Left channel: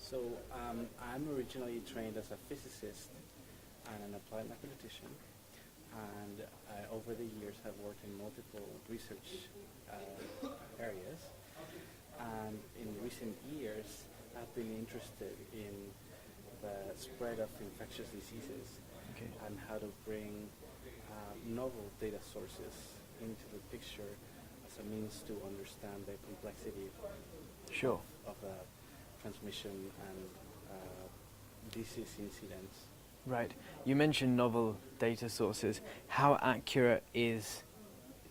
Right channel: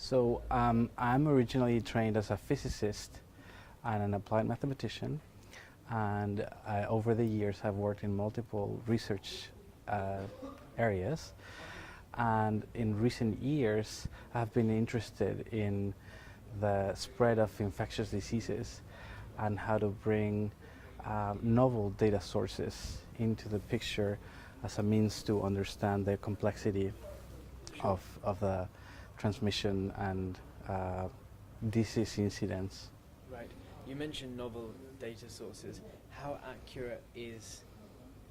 So I'm originally trained as a physicist and an applied mathematician, and over the years have worked in multiple research areas. And in recent years, I've been interested in the spread of infectious diseases and how to bring novel data sources into the picture as a means to understand the complexity Sure. of the transmission and disease incidence. Right. You mentioned novel data sources. How accurate is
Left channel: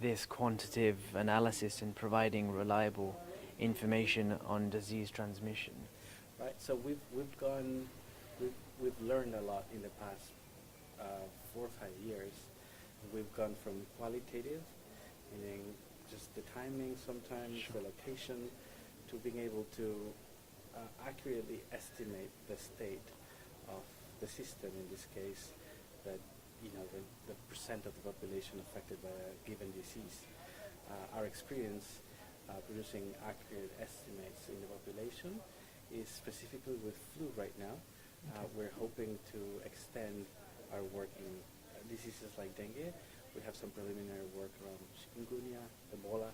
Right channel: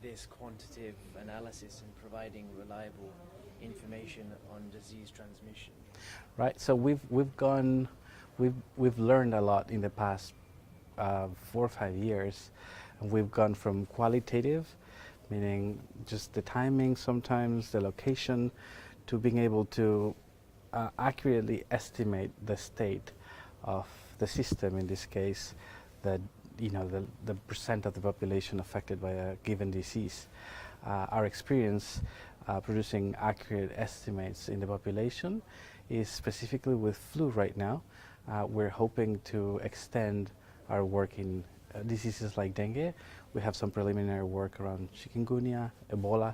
this quantitative analysis in providing reliable information on disease transmission? Right. So we've learned a lot in the past 4 or 5 years, and we've gone from qualitative, meaning just the timing, sometimes the location, to being able to accurately estimate the state of the system. In this case, the the percent of the population affected by a given disease. Our experience producing accurate estimates in the population is specifically with flu right now. We're hoping to extend our work in diseases like dengue. We have some preliminary work around chikungunya, Ebola,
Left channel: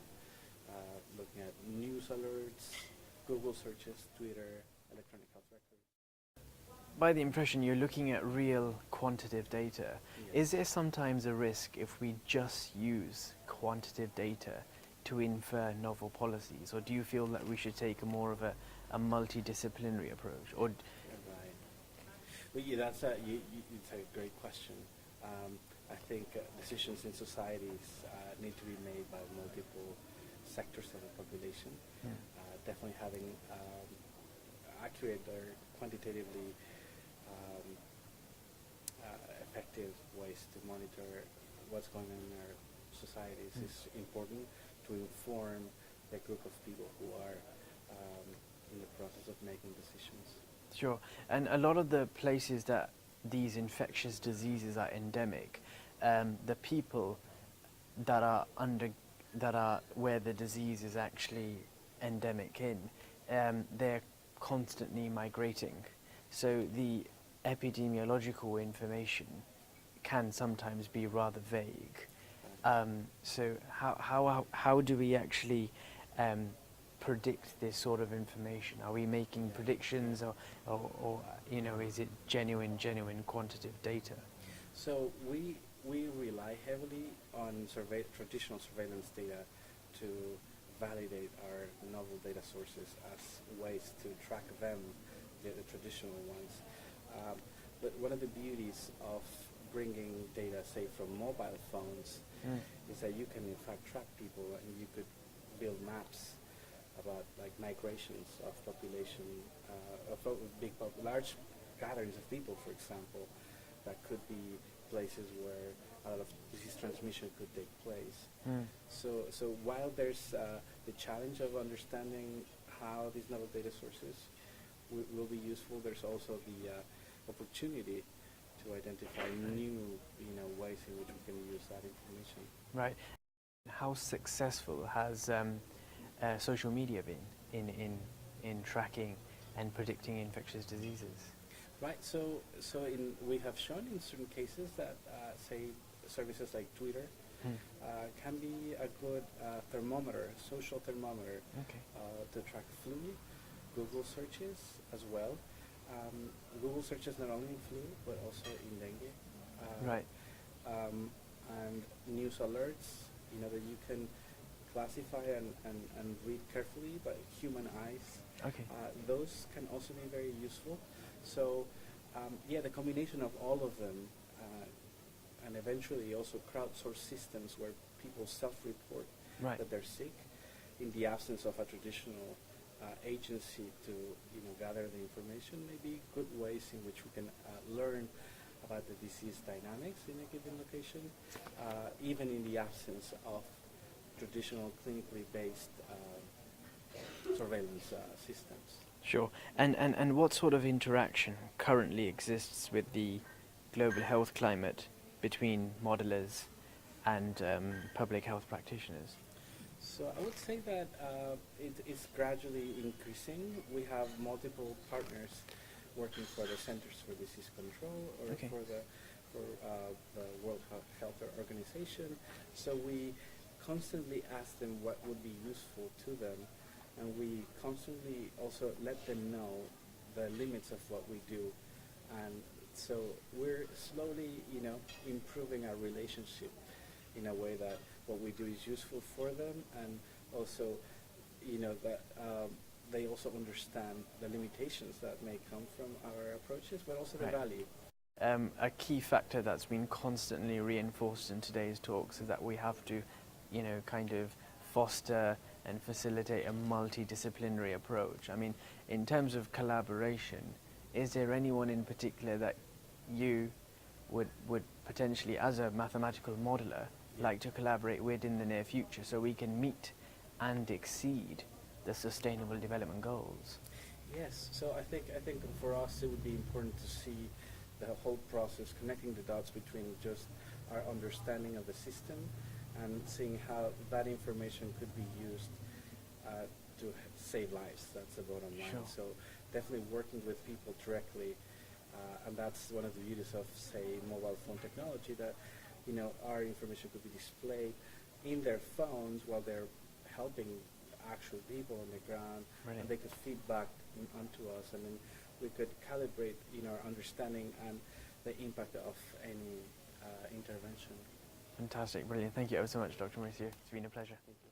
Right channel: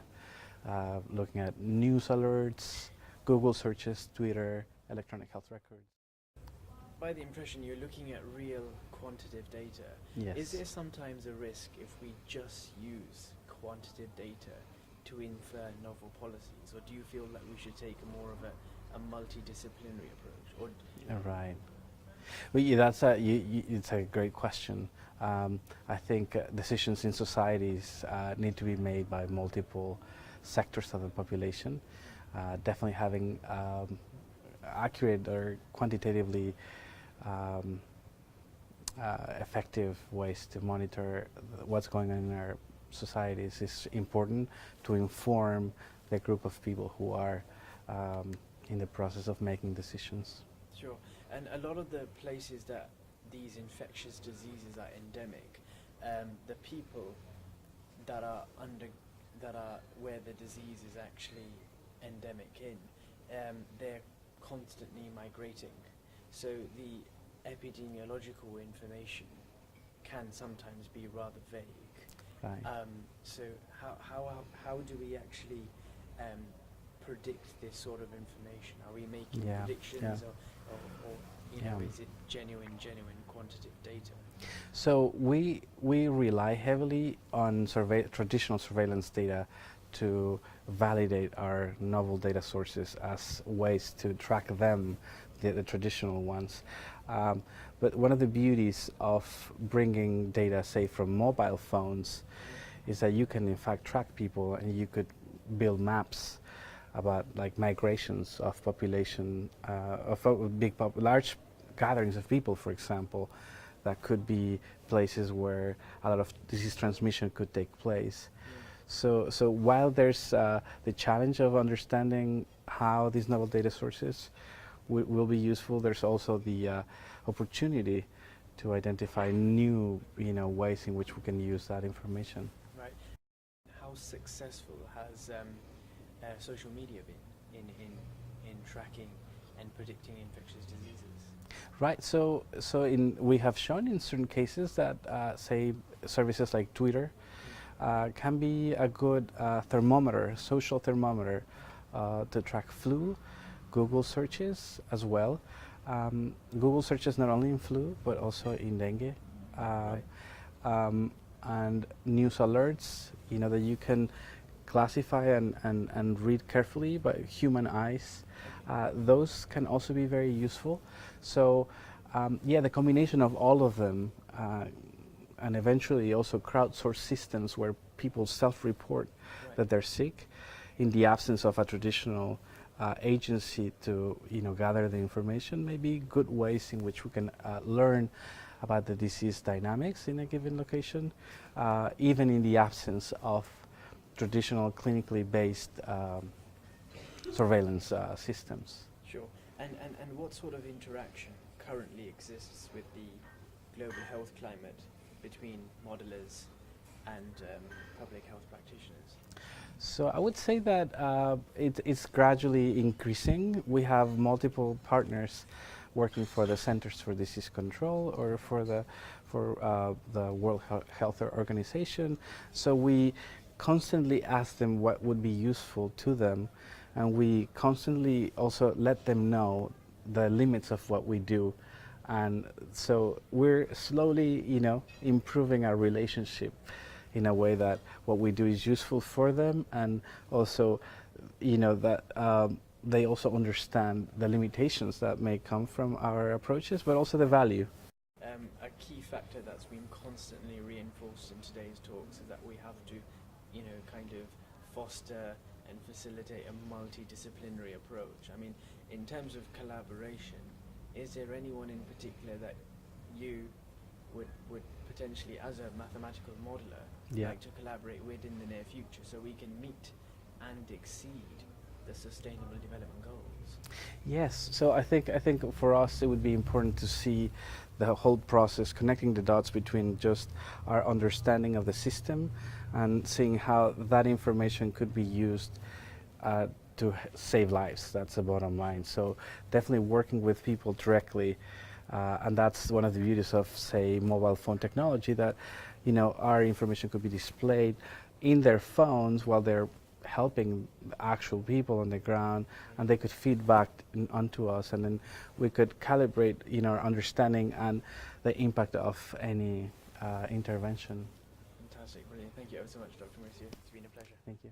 looking at news alerts, Google searches, Twitter, electronic health records. By the impression, you're looking at real quantitative data. Yes. Is there sometimes a risk if we just use quantitative data to infer novel policies, or do you feel that we should take more of a multidisciplinary approach? Or Right. Well, it's a great question. I think decisions in societies need to be made by multiple sectors of the population. Definitely having accurate or quantitatively effective ways to monitor what's going on in our societies is important to inform the group of people who are in the process of making decisions. Sure. And a lot of the places that these infectious diseases are endemic, the people that are where the disease is actually endemic in, they're constantly migrating. So the epidemiological information can sometimes be rather vague. Right. So how do we actually predict this sort of information? Are we making predictions, or is it genuine quantitative data? So we rely heavily on traditional surveillance data to validate our novel data sources as ways to track them, the traditional ones. But one of the beauties of bringing data, say, from mobile phones, is that you can in fact track people, and you could build maps about like migrations of population, large gatherings of people, for example, that could be places where a lot of disease transmission could take place. So while there's the challenge of understanding how these novel data sources will be useful, there's also the opportunity to identify new ways in which we can use that information. Right. How successful has social media been in tracking and predicting infectious diseases? Right. So we have shown in certain cases that say services like Twitter can be a good social thermometer to track flu. Google searches as well. Google searches not only in flu but also in dengue. And news alerts, that you can classify and read carefully by human eyes. Those can also be very useful. So the combination of all of them, and eventually also crowdsource systems where people self-report that they're sick, in the absence of a traditional agency to gather the information, may be good ways in which we can learn about the disease dynamics in a given location, even in the absence of traditional clinically based surveillance systems. Sure. And what sort of interaction currently exists with the global health climate between modelers and public health practitioners? So I would say that it's gradually increasing. We have multiple partners working for the Centers for Disease Control or Okay. for the World Health Organization. So we constantly ask them what would be useful to them, and we constantly also let them know the limits of what we do. And so we're slowly, improving our relationship in a way that what we do is useful for them, and also, that they also understand the limitations that may come from our approaches, but also the value. A key factor that's been constantly reinforced in today's talks is that we have to, kind of foster and facilitate a multidisciplinary approach. I mean, in terms of collaboration, is there anyone in particular that you would potentially, as a mathematical modeler, like to collaborate with in the near future so we can meet and exceed the Sustainable Development Goals? Yes, so I think for us it would be important to see the whole process, connecting the dots between just our understanding of the system and seeing how that information could be used to save lives. That's the bottom line. So definitely working with people directly, and that's one of the beauties of, say, mobile phone technology, that our information could be displayed in their phones while they're helping actual people on the ground, and they could feed back onto us, and then we could calibrate our understanding and the impact of any intervention. Fantastic, brilliant. Thank you ever so much, Dr. Mauricio. It's been a pleasure. Thank you.